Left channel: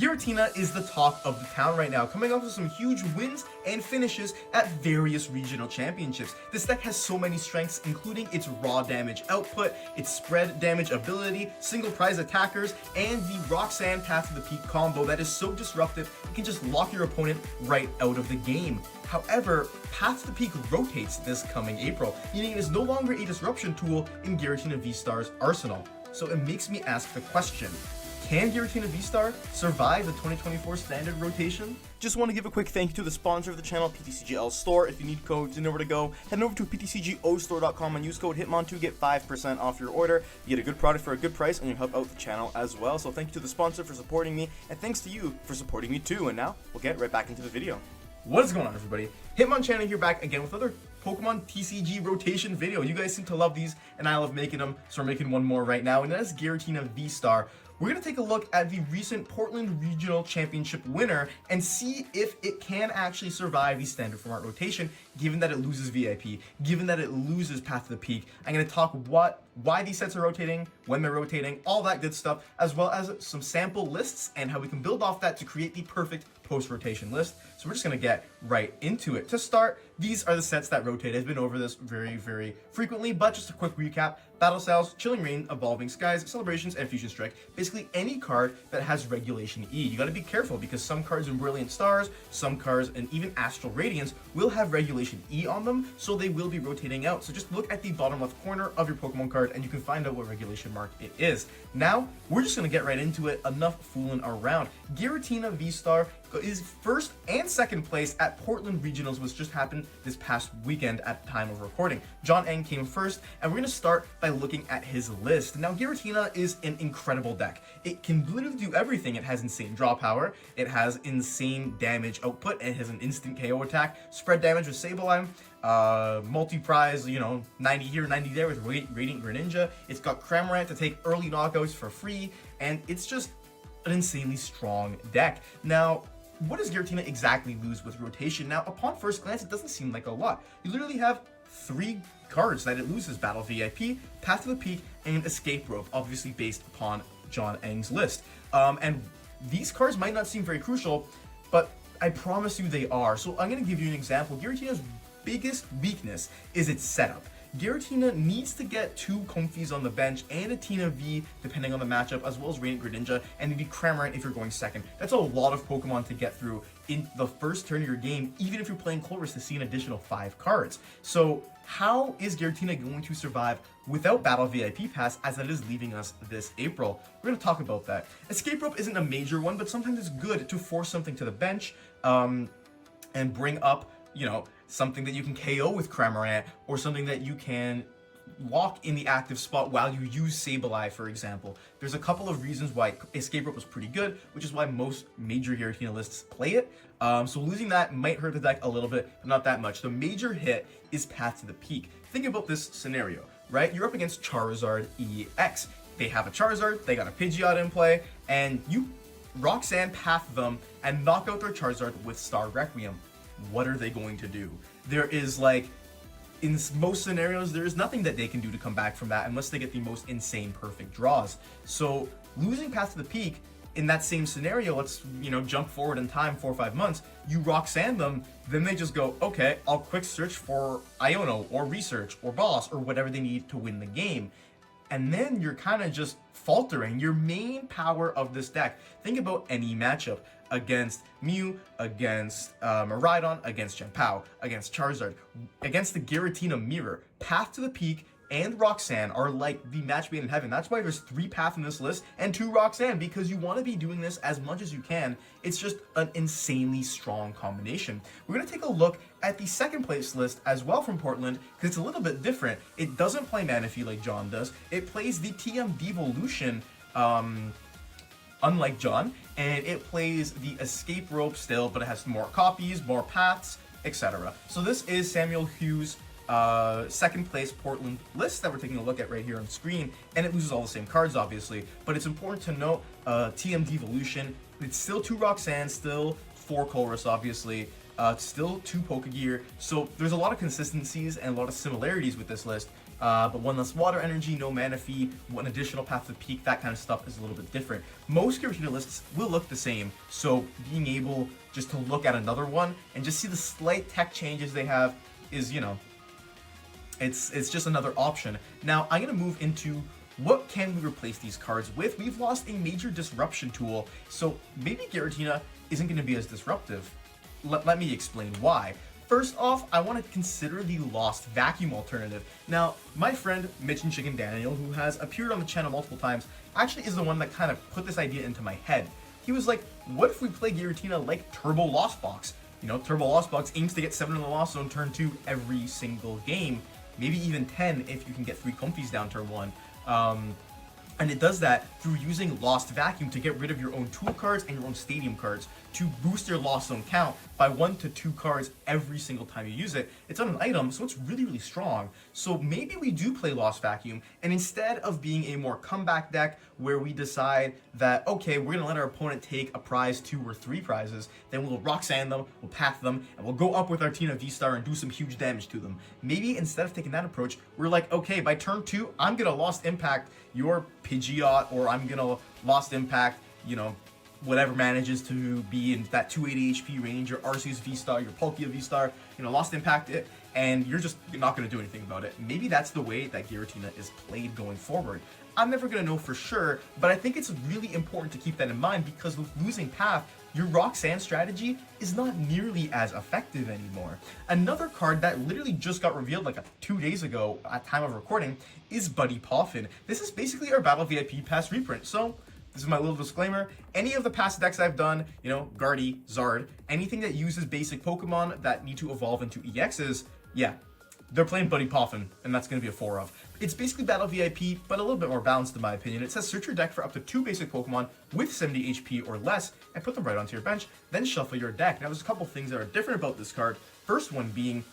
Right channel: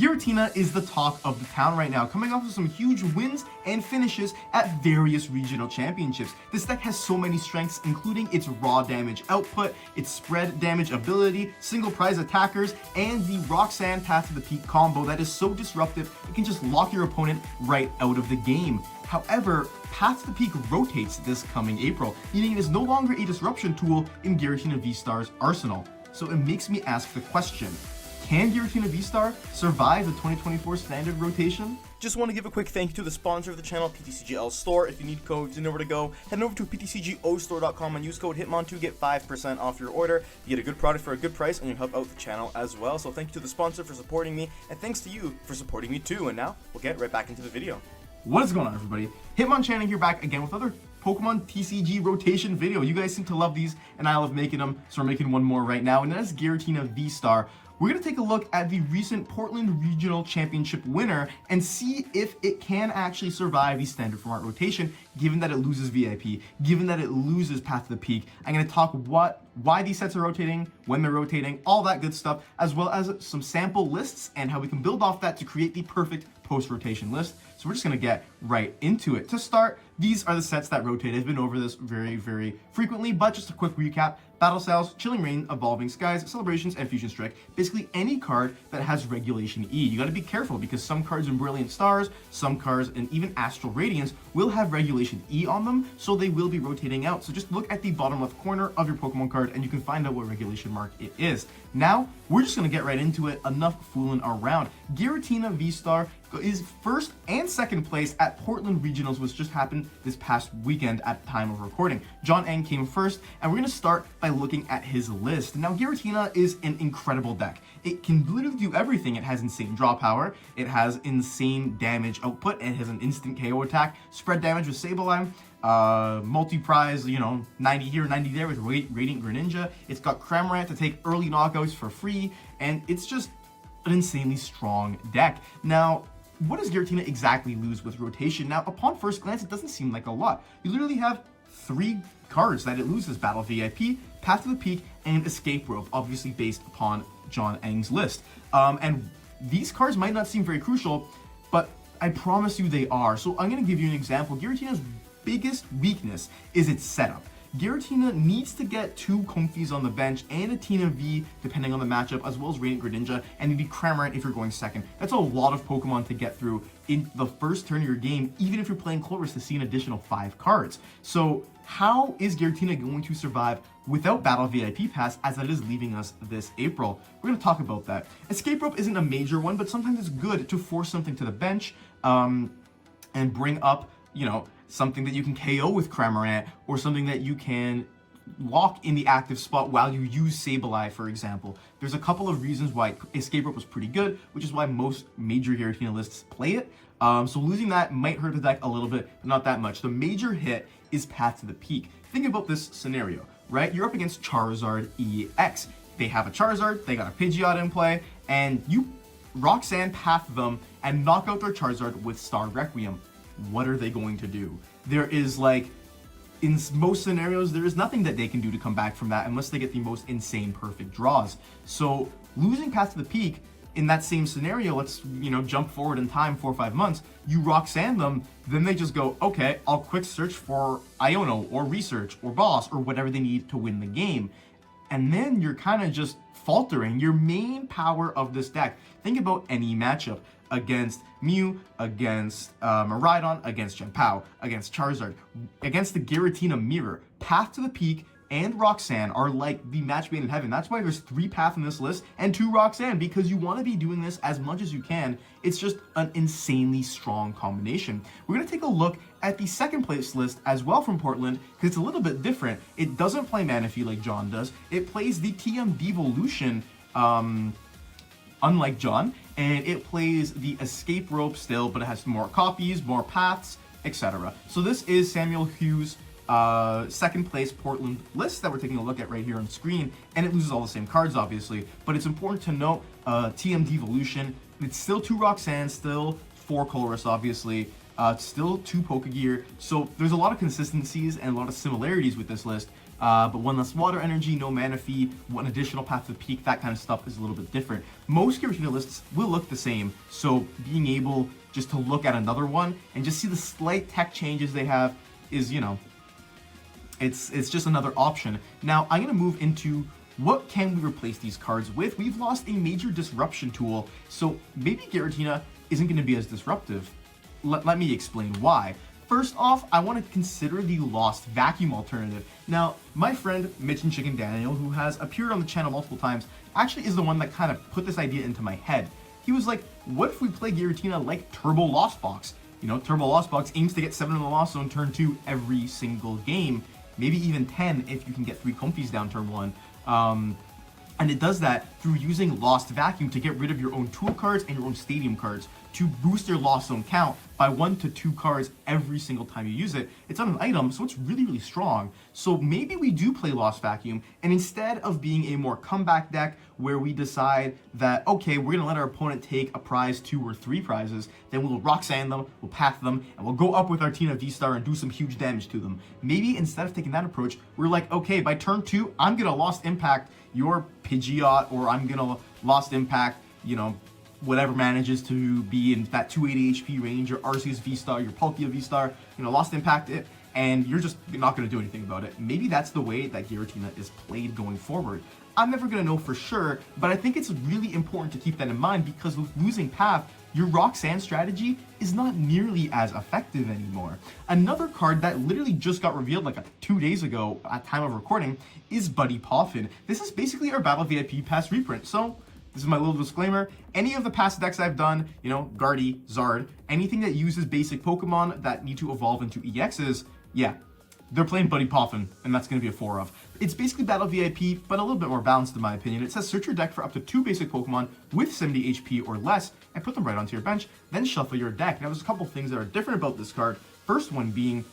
Giratina is the talk of the town right now, coming off of some huge wins and finishes at various regional championships. This deck has so many strengths, including its raw damage output, its spread damage ability, single prize attackers, and the Roxanne Path to the Peak combo that is so disruptive it can just lock your opponent right out of the game. However, Path to the Peak rotates this coming April, meaning it is no longer a disruption tool in Giratina VSTAR's arsenal. So it makes me ask the question, can Giratina VSTAR survive the 2024 standard rotation? Just want to give a quick thank you to the sponsor of the channel, PTCGL Store. If you need codes, you know where to go. Head over to ptcgostore.com and use code Hitmon to get 5% off your order. You get a good product for a good price, and you help out the channel as well. So thank you to the sponsor for supporting me, and thanks to you for supporting me too. And now, we'll get right back into the video. What is going on, everybody? Hitmonchan here, back again with another Pokemon TCG rotation video. You guys seem to love these, and I love making them, so we're making one more right now, and that is Giratina VSTAR. We're going to take a look at the recent Portland Regional Championship winner and see if it can actually survive the standard format rotation, given that it loses VIP, given that it loses Path to the Peak. I'm going to talk why these sets are rotating, when they're rotating, all that good stuff, as well as some sample lists and how we can build off that to create the perfect post-rotation list. So we're just going to get right into it. To start, these are the sets that rotate. I've been over this very, very frequently, but just a quick recap. Battle Styles, Chilling Reign, Evolving Skies, Celebrations, and Fusion Strike. Basically any card that has Regulation E. You got to be careful because some cards in Brilliant Stars, some cards, and even Astral Radiance will have Regulation E on them, so they will be rotating out. So just look at the bottom left corner of your Pokemon card and you can find out what regulation mark it is. Now, we're just going to get right into it. Enough fooling around. Giratina VSTAR is first and second place at Portland Regionals, which just happened this past weekend at the time of recording. John Eng came first, and we're going to start by looking at his list. Now, Giratina is an incredible deck. It can literally do everything. It has insane draw power, it has insane damage output, it has an instant KO attack, spread damage with Sableye, multi-prize, 90 here, 90 there with Radiant Greninja. It's got Cramorant to take early knockouts for free, and it's just an insanely strong deck. Now, what does Giratina exactly lose with rotation? Now, upon first glance, it doesn't seem like a lot. You literally have 3 cards that it loses: Battle VIP, Path to the Peak, and Escape Rope, obviously based upon John Eng's list. And these cards might not seem very crucial, but I promise you they are. So I'm going to give you an example. Giratina's biggest weakness is its setup. Giratina needs to get 2 Comfeys on the bench and a Tina V, depending on the matchup, as well as Radiant Greninja, and maybe Cramorant if you're going second. That's a lot of Pokemon to get through in the first turn of your game, even if you're playing Clovis to see an additional 5 cards. So how is Giratina going to survive without Battle VIP Pass, as that is leaving us this April? We're going to talk about that. Escape Rope isn't a major one, but sometimes it's good to force something to the bench and bring up, something that you can KO with Cramorant, or something that you can lock in the active spot while you use Sableye, for example. There's a couple of reasons why Escape Rope was pretty good, which is why most major Giratina lists play it. So losing that might hurt the deck a little bit, but not that much. The major hit is Path to the Peak. Think about this scenario, right? You're up against Charizard EX. They have a Charizard, they got a Pidgeot in play, and you Roxanne Path them and knock out their Charizard with Star Requiem. What are they going to do? There is in most scenarios, there is nothing that they can do to come back from that unless they get the most insane perfect draws. So losing Path to the Peak in that same scenario, let's jump forward in time 4 or 5 months, you Roxanne them, then they just go, okay, I'll quick search for Iono or Research or Boss or whatever they need to win the game. And then you're kind of just faltering your main power of this deck. Think about any matchup against Mew, against Miraidon, against Genpao, against Charizard, against the Giratina Mirror. Path to the Peak and Roxanne are like the match made in heaven. That's why there's 3 Path in this list and 2 Roxanne, because you want to be doing this as much as you can. It's just an insanely strong combination. We're going to take a look at the second place list as well from Portland, because it's a little bit different. It doesn't play Manaphy like John does. It plays the TM Devolution, unlike John, and it plays the Escape Rope still, but it has more copies, more paths, etc. So this is Samuel Hughes' second place Portland list that we're taking a look at right here on screen, and it loses all the same cards, obviously, but it's important to note TM Devolution, it's still 2 Roxanne, still 4 Colress, obviously, still 2 Pokegear, so there's a lot of consistencies and a lot of similarities with this list, but one less water energy, no mana fee, one additional path to the peak, that kind of stuff is a little bit different. Most Giratina lists will look the same, so being able just to look at another one and just see the slight tech changes they have is, you know, it's just another option. Now, I'm going to move into what can we replace these cards with. We've lost a major disruption tool, so maybe Giratina isn't going to be as disruptive. Let me explain why. First off, I want to consider the Lost Vacuum alternative. Now, my friend Mitch and Chicken Daniel, who has appeared on the channel multiple times, actually is the one that kind of put this idea into my head. He was like, what if we play Giratina like Turbo Lost Box? You know, Turbo Lost Box aims to get 7 in the Lost Zone turn 2 every single game, maybe even 10 if you can get 3 comfies down turn 1. And it does that through using Lost Vacuum to get rid of your own tool cards and your own stadium cards to boost your Lost Zone count by 1 to 2 cards every single time you use it. It's on an item, so it's really, really strong. So maybe we do play Lost Vacuum, and instead of being a more comeback deck where we decide that, okay, we're gonna let our opponent take a prize, 2 or 3 prizes, then we'll Roxanne them, we'll path them, and we'll go up with our Giratina VSTAR and do some huge damage to them. Maybe instead of taking that approach, we're like, okay, by turn 2, I'm gonna Lost Impact your Pidgeot, or I'm gonna Lost Impact, you know, whatever manages to be in that 280 HP range, your Arceus V-Star, your Palkia V-Star, you know, Lost Impact it, and you're not going to do anything about it. Maybe that's the way that Giratina is played going forward. I'm never going to know for sure, but I think it's really important to keep that in mind because with losing Path, your Roxanne strategy is not nearly as effective anymore. Another card that literally just got revealed like 2 days ago at time of recording is Buddy Poffin. This is basically our Battle VIP past reprint, so this is my little disclaimer. Any of the past decks I've done, you know, Guardy, Zard, anything that uses basic Pokemon that need to evolve into EXs, yeah, they're playing Buddy Poffin, and that's going to be a 4 of. It's basically Battle VIP, but a little bit more balanced in my opinion. It says search your deck for up to 2 basic Pokemon with 70 HP or less, and put them right onto your bench, then shuffle your deck. Now, there's a couple things that are different about this card. First one being,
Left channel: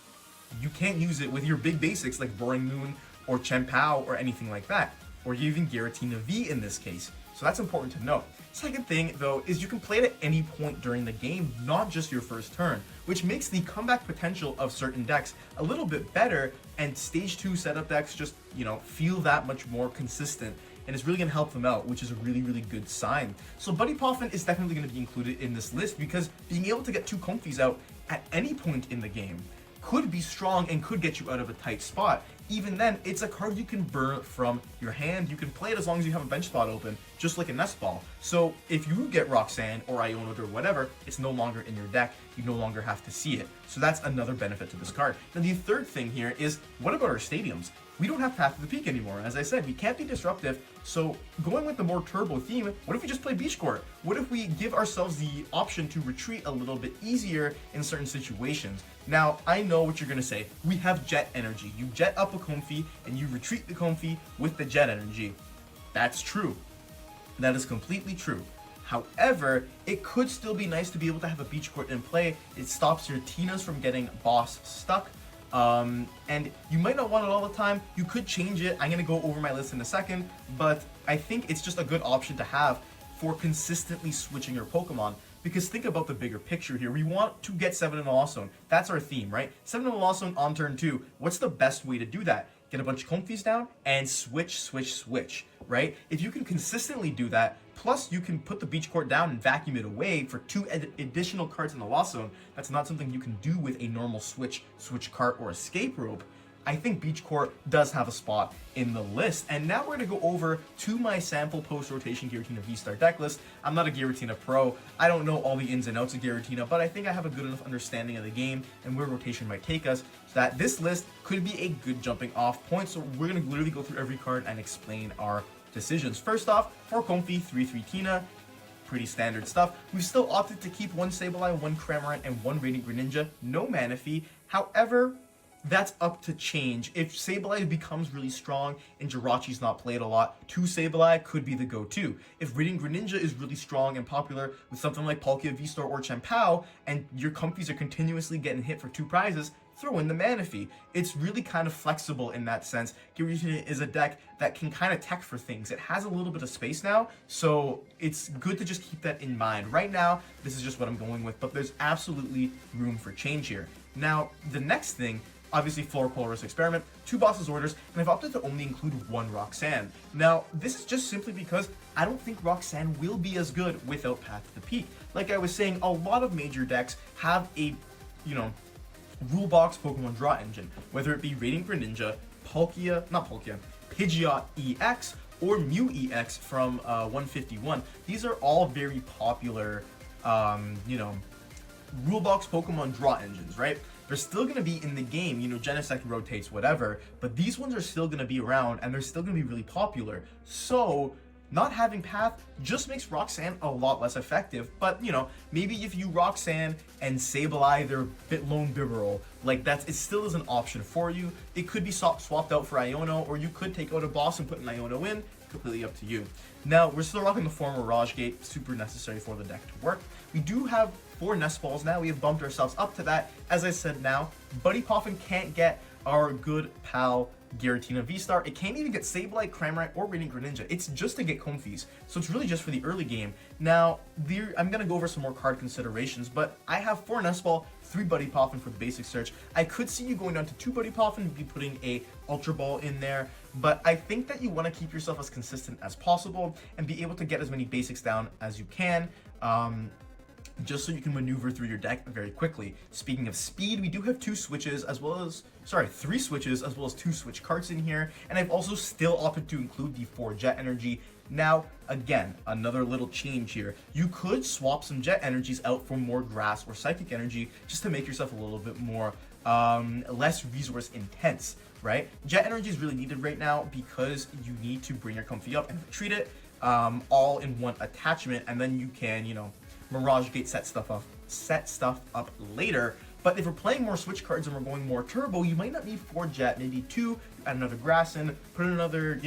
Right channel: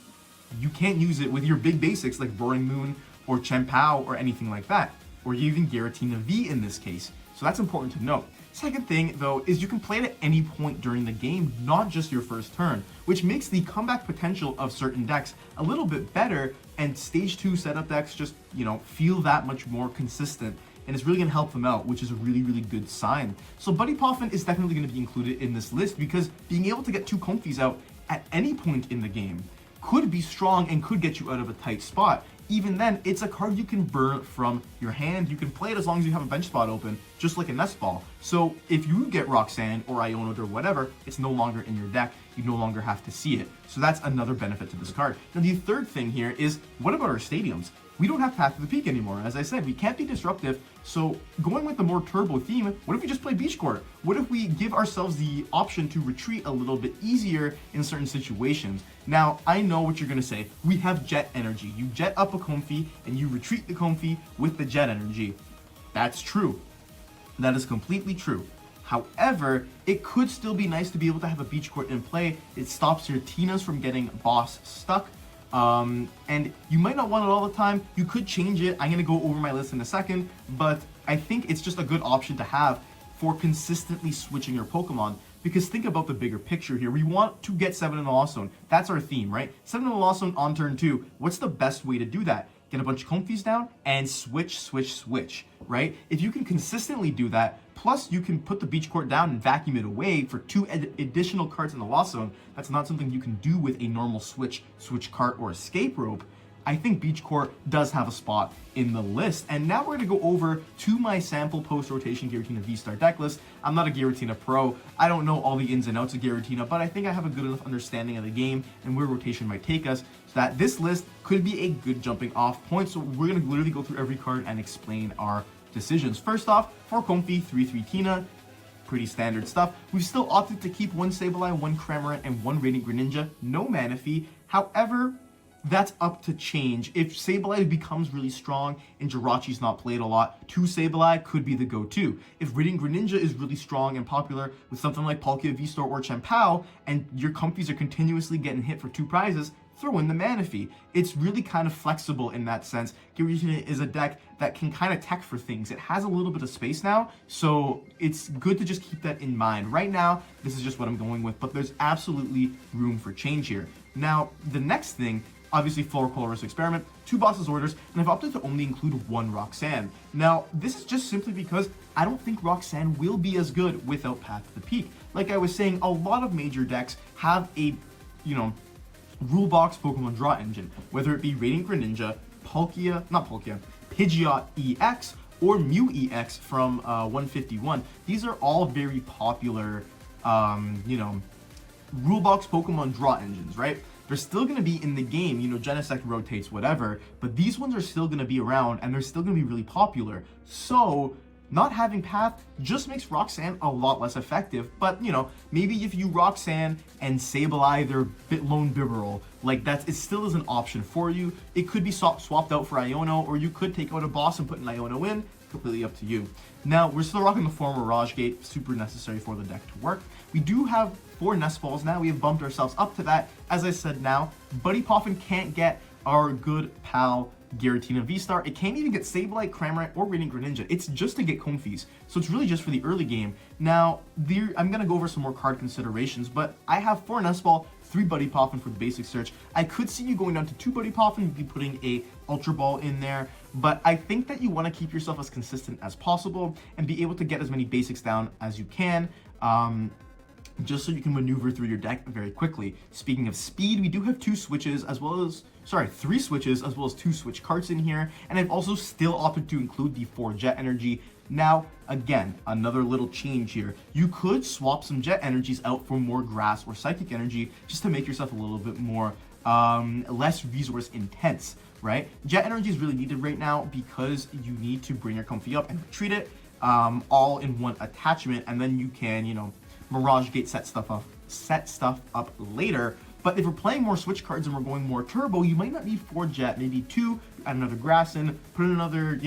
you can't use it with your big basics like Roaring Moon or Chien-Pao or anything like that, or even Giratina V in this case. So that's important to note. Second thing, though, is you can play it at any point during the game, not just your first turn, which makes the comeback potential of certain decks a little bit better, and stage 2 setup decks just, you know, feel that much more consistent, and it's really going to help them out, which is a really, really good sign. So Buddy Poffin is definitely going to be included in this list because being able to get 2 comfies out at any point in the game could be strong and could get you out of a tight spot. Even then, it's a card you can burn from your hand. You can play it as long as you have a bench spot open, just like a Nest Ball. So if you get Roxanne or Ionoed or whatever, it's no longer in your deck. You no longer have to see it. So that's another benefit to this card. Now the third thing here is, what about our stadiums? We don't have Path to the Peak anymore. As I said, we can't be disruptive. So going with the more turbo theme, what if we just play Beach Court? What if we give ourselves the option to retreat a little bit easier in certain situations? Now, I know what you're gonna say. We have Jet Energy. You jet up a comfy and you retreat the comfy with the Jet Energy. That's true. That is completely true. However, it could still be nice to be able to have a Beach Court in play. It stops your Tinas from getting boss stuck. And you might not want it all the time. You could change it. I'm going to go over my list in a second, but I think it's just a good option to have for consistently switching your Pokemon, because think about the bigger picture here. We want to get 7 in the Lost Zone. That's our theme, right? 7 in the Lost Zone on turn 2. What's the best way to do that? Get a bunch of comfies down and switch, right? If you can consistently do that, plus you can put the Beach Court down and vacuum it away for 2 additional cards in the Lost Zone, that's not something you can do with a normal switch cart or escape rope. I think Beach Court does have a spot in the list. And now we're gonna go over to my sample post-rotation Giratina V-Star deck list. I'm not a Giratina pro. I don't know all the ins and outs of Giratina, but I think I have a good enough understanding of the game and where rotation might take us, so that this list could be a good jumping off point. So we're gonna literally go through every card and explain our decisions. First off, 4 Comfy, 3/3 Tina. Pretty standard stuff. We've still opted to keep 1 Sableye, 1 Cramorant, and 1 Radiant Greninja. No mana fee. However, that's up to change. If Sableye becomes really strong and Jirachi's not played a lot, 2 Sableye could be the go-to. If Radiant Greninja is really strong and popular with something like Palkia V-Star or Chien-Pao, and your comfies are continuously getting hit for 2 prizes, throw in the mana fee. It's really kind of flexible in that sense. Giratina is a deck that can kind of tech for things. It has a little bit of space now, so it's good to just keep that in mind. Right now, this is just what I'm going with, but there's absolutely room for change here. Now, the next thing obviously Floor Colorist Experiment, 2 Boss's Orders, and I've opted to only include 1 Roxanne. Now, this is just simply because I don't think Roxanne will be as good without Path to the Peak. Like I was saying, a lot of major decks have a, rule box Pokemon draw engine, whether it be Radiant Greninja, Pidgeot EX, or Mew EX from 151. These are all very popular, rule box Pokemon draw engines, right? They're still going to be in the game, Genesect rotates, whatever, but these ones are still going to be around and they're still going to be really popular. So not having Path just makes Roxanne a lot less effective, but maybe if you Roxanne and Sableye their Lone Bibarel, like it still is an option for you. It could be swapped out for Iono, or you could take out a boss and put an Iono in, completely up to you. Now, we're still rocking the former Mirage Gate, super necessary for the deck to work. We do have 4 Nest Balls now, we have bumped ourselves up to that. As I said now, Buddy Poffin can't get our good pal Giratina VSTAR. It can't even get Sableye, Cramorant, or Radiant Greninja. It's just to get Comfeys, so it's really just for the early game. Now, I'm going to go over some more card considerations, but I have 4 Nest Ball, 3 Buddy Poffin for the basic search. I could see you going down to 2 Buddy Poffin and be putting a Ultra Ball in there, but I think that you want to keep yourself as consistent as possible and be able to get as many basics down as you can. Just so you can maneuver through your deck very quickly. Speaking of speed, we do have 3 switches as well as 2 switch cards in here, and I've also still opted to include the 4 Jet Energy. Now, again, another little change here. You could swap some Jet Energies out for more Grass or Psychic Energy just to make yourself a little bit more less resource intense, right? Jet Energy is really needed right now because you need to bring your Comfey up and retreat it all in one attachment, and then you can, Mirage Gate set stuff up later. But if we're playing more switch cards and we're going more turbo, you might not need 4 Jet, maybe 2, add another Grass in, put another,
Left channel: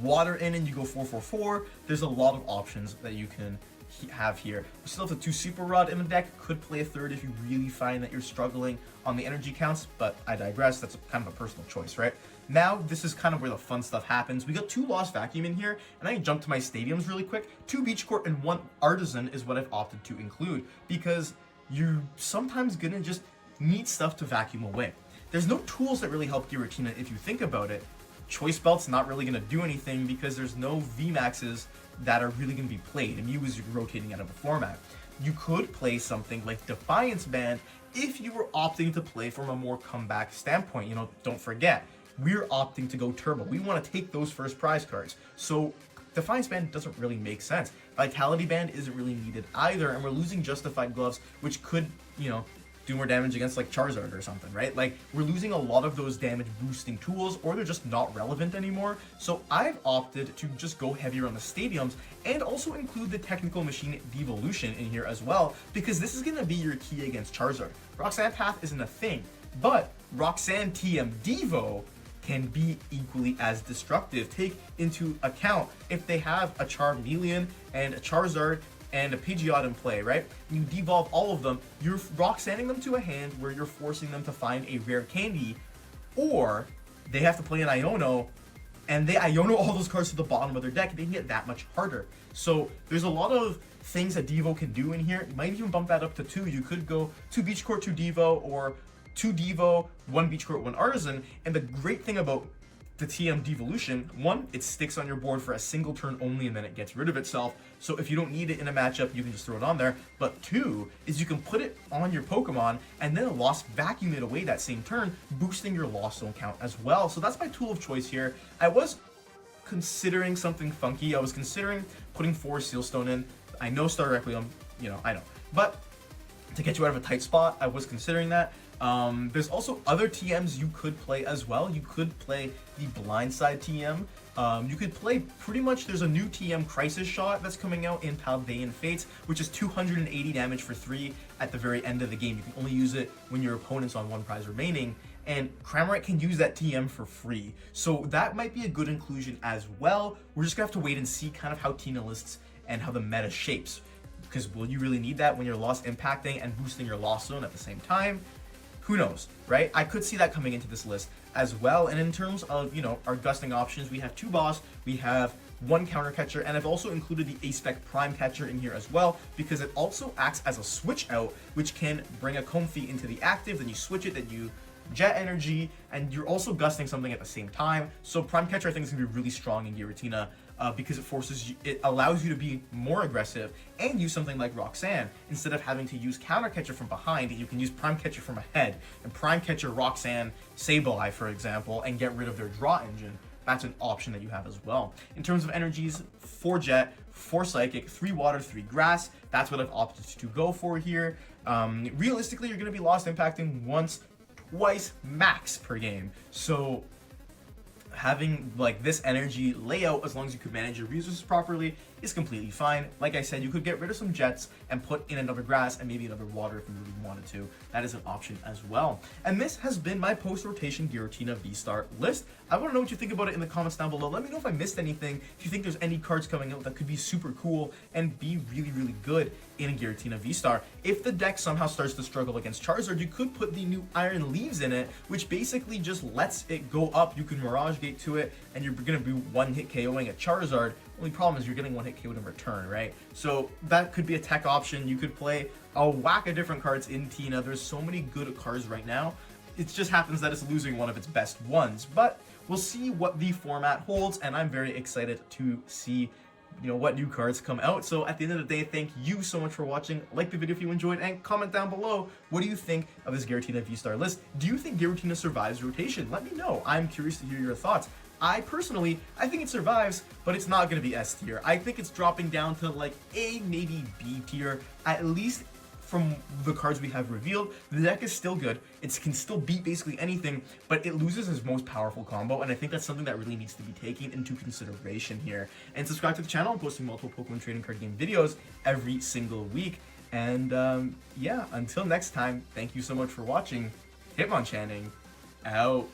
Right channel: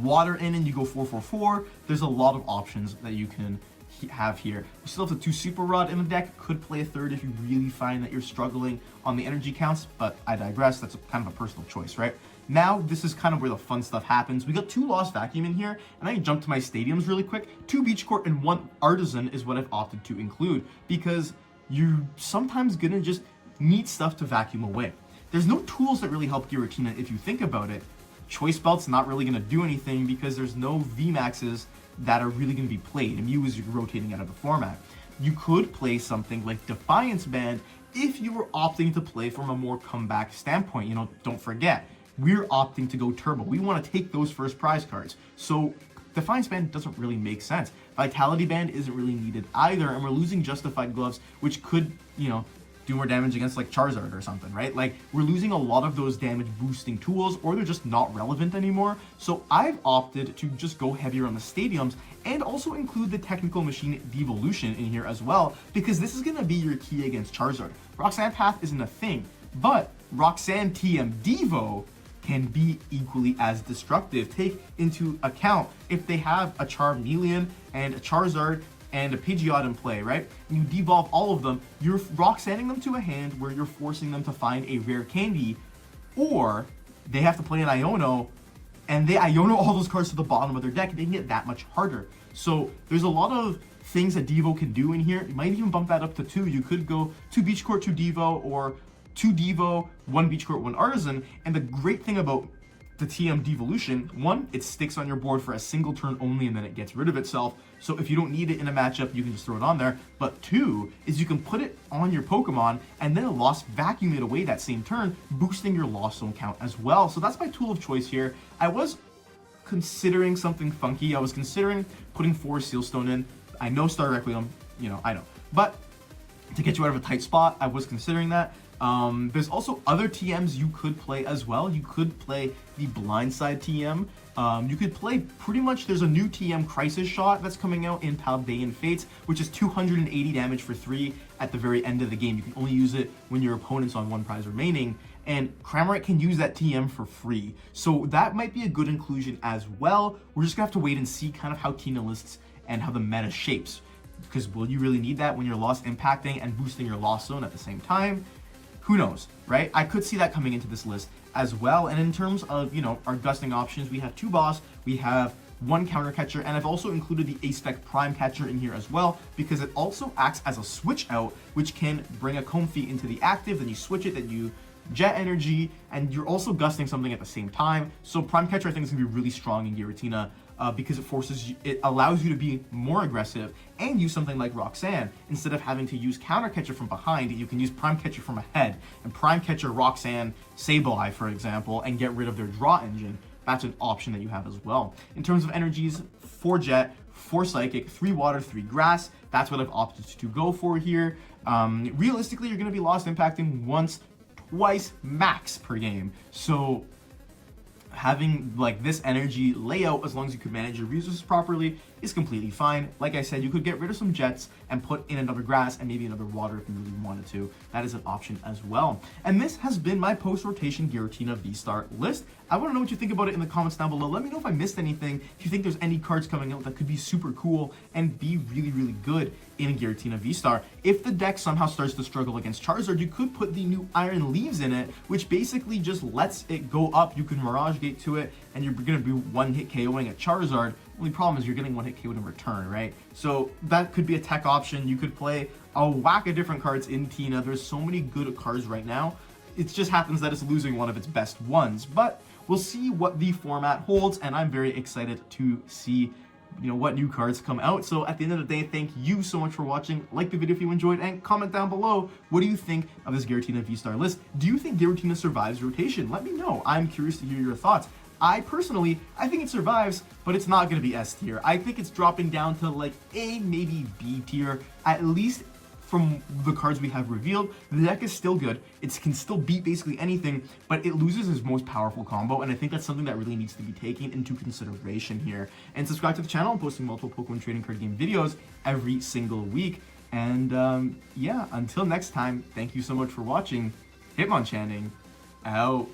water in, and you go 4-4-4. There's a lot of options that you can have here. We still have the 2 Super Rod in the deck. Could play a 3rd if you really find that you're struggling on the energy counts, but I digress. That's kind of a personal choice, right? Now, this is kind of where the fun stuff happens. We got 2 Lost Vacuum in here, and I can jump to my stadiums really quick. 2 Beach Court and 1 Artisan is what I've opted to include, because you're sometimes gonna just need stuff to vacuum away. There's no tools that really help Giratina if you think about it. Choice Belt's not really gonna do anything because there's no VMAXs that are really gonna be played, and Mew is rotating out of the format. You could play something like Defiance Band if you were opting to play from a more comeback standpoint. Don't forget, we're opting to go turbo. We want to take those first prize cards. So Defiance Band doesn't really make sense. Vitality Band isn't really needed either, and we're losing Justified Gloves, which could, do more damage against like Charizard or something, right? Like, we're losing a lot of those damage boosting tools, or they're just not relevant anymore. So I've opted to just go heavier on the stadiums and also include the Technical Machine Devolution in here as well, because this is going to be your key against Charizard. Roxanne Path isn't a thing, but Roxanne TM Devo can be equally as destructive. Take into account if they have a Charmeleon and a Charizard and a Pidgeot in play, right? And you devolve all of them, you're Roxanning them to a hand where you're forcing them to find a rare candy, or they have to play an Iono, and they Iono all those cards to the bottom of their deck, making it that much harder. So there's a lot of things that Devo can do in here. You might even bump that up to 2. You could go 2 Beach Court, 2 Devo, or 2 Devo, 1 Beach Court, 1 Artisan. And the great thing about the TM Devolution, 1, it sticks on your board for a single turn only, and then it gets rid of itself. So if you don't need it in a matchup, you can just throw it on there. But 2 is you can put it on your Pokemon and then Lost Vacuum it away that same turn, boosting your Lost Zone count as well. So that's my tool of choice here. I was considering something funky. I was considering putting 4 Sealstone in. I know Star Requiem, I know. But to get you out of a tight spot, I was considering that. There's also other TMs you could play as well. You could play the Blindside TM. You could play pretty much, there's a new TM Crisis Shot that's coming out in Paldean Fates, which is 280 damage for 3 at the very end of the game. You can only use it when your opponent's on 1 prize remaining, and Cramorant can use that TM for free. So that might be a good inclusion as well. We're just gonna have to wait and see kind of how Tina lists and how the meta shapes, because will you really need that when you're Lost impacting and boosting your Lost Zone at the same time? Who knows, right? I could see that coming into this list as well. And in terms of, our gusting options, we have 2 Boss, we have 1 Counter Catcher, and I've also included the A-Spec Prime Catcher in here as well, because it also acts as a switch out, which can bring a Comfey into the active, then you switch it, then you jet energy, and you're also gusting something at the same time. So Prime Catcher I think is gonna be really strong in Giratina because it allows you to be more aggressive and use something like Roxanne. Instead of having to use Counter Catcher from behind, you can use Prime Catcher from ahead and Prime Catcher Roxanne Sableye, for example, and get rid of their draw engine. That's an option that you have as well. In terms of energies, 4 Jet, 4 Psychic, 3 Water, 3 Grass. That's what I've opted to go for here. Realistically, you're going to be lost impacting once, twice max per game. So having like this energy layout, as long as you could manage your resources properly, is completely fine. Like I said, you could get rid of some jets and put in another grass and maybe another water if you really wanted to. That is an option as well. And this has been my post-rotation Giratina VSTAR list. I want to know what you think about it in the comments down below. Let me know if I missed anything, if you think there's any cards coming out that could be super cool and be really, really good in Giratina VSTAR. If the deck somehow starts to struggle against Charizard, you could put the new Iron Leaves in it, which basically just lets it go up. You can Mirage Gate to it, and you're going to be one-hit KOing a Charizard. Only problem is you're getting one-hit KO'd in return, right? So that could be a tech option. You could play a whack of different cards in Tina. There's so many good cards right now. It just happens that it's losing one of its best ones, but we'll see what the format holds, and I'm very excited to see what new cards come out. So at the end of the day, thank you so much for watching. Like the video if you enjoyed, and comment down below, what do you think of this Giratina VSTAR list? Do you think Giratina survives rotation? Let me know. I'm curious to hear your thoughts. I think it survives, but it's not going to be S tier. I think it's dropping down to like A, maybe B tier, at least from the cards we have revealed. The deck is still good. It can still beat basically anything, but it loses its most powerful combo, and I think that's something that really needs to be taken into consideration here. And subscribe to the channel. I'm posting multiple Pokemon trading card game videos every single week. And yeah, until next time, thank you so much for watching. Hitmonchanning out.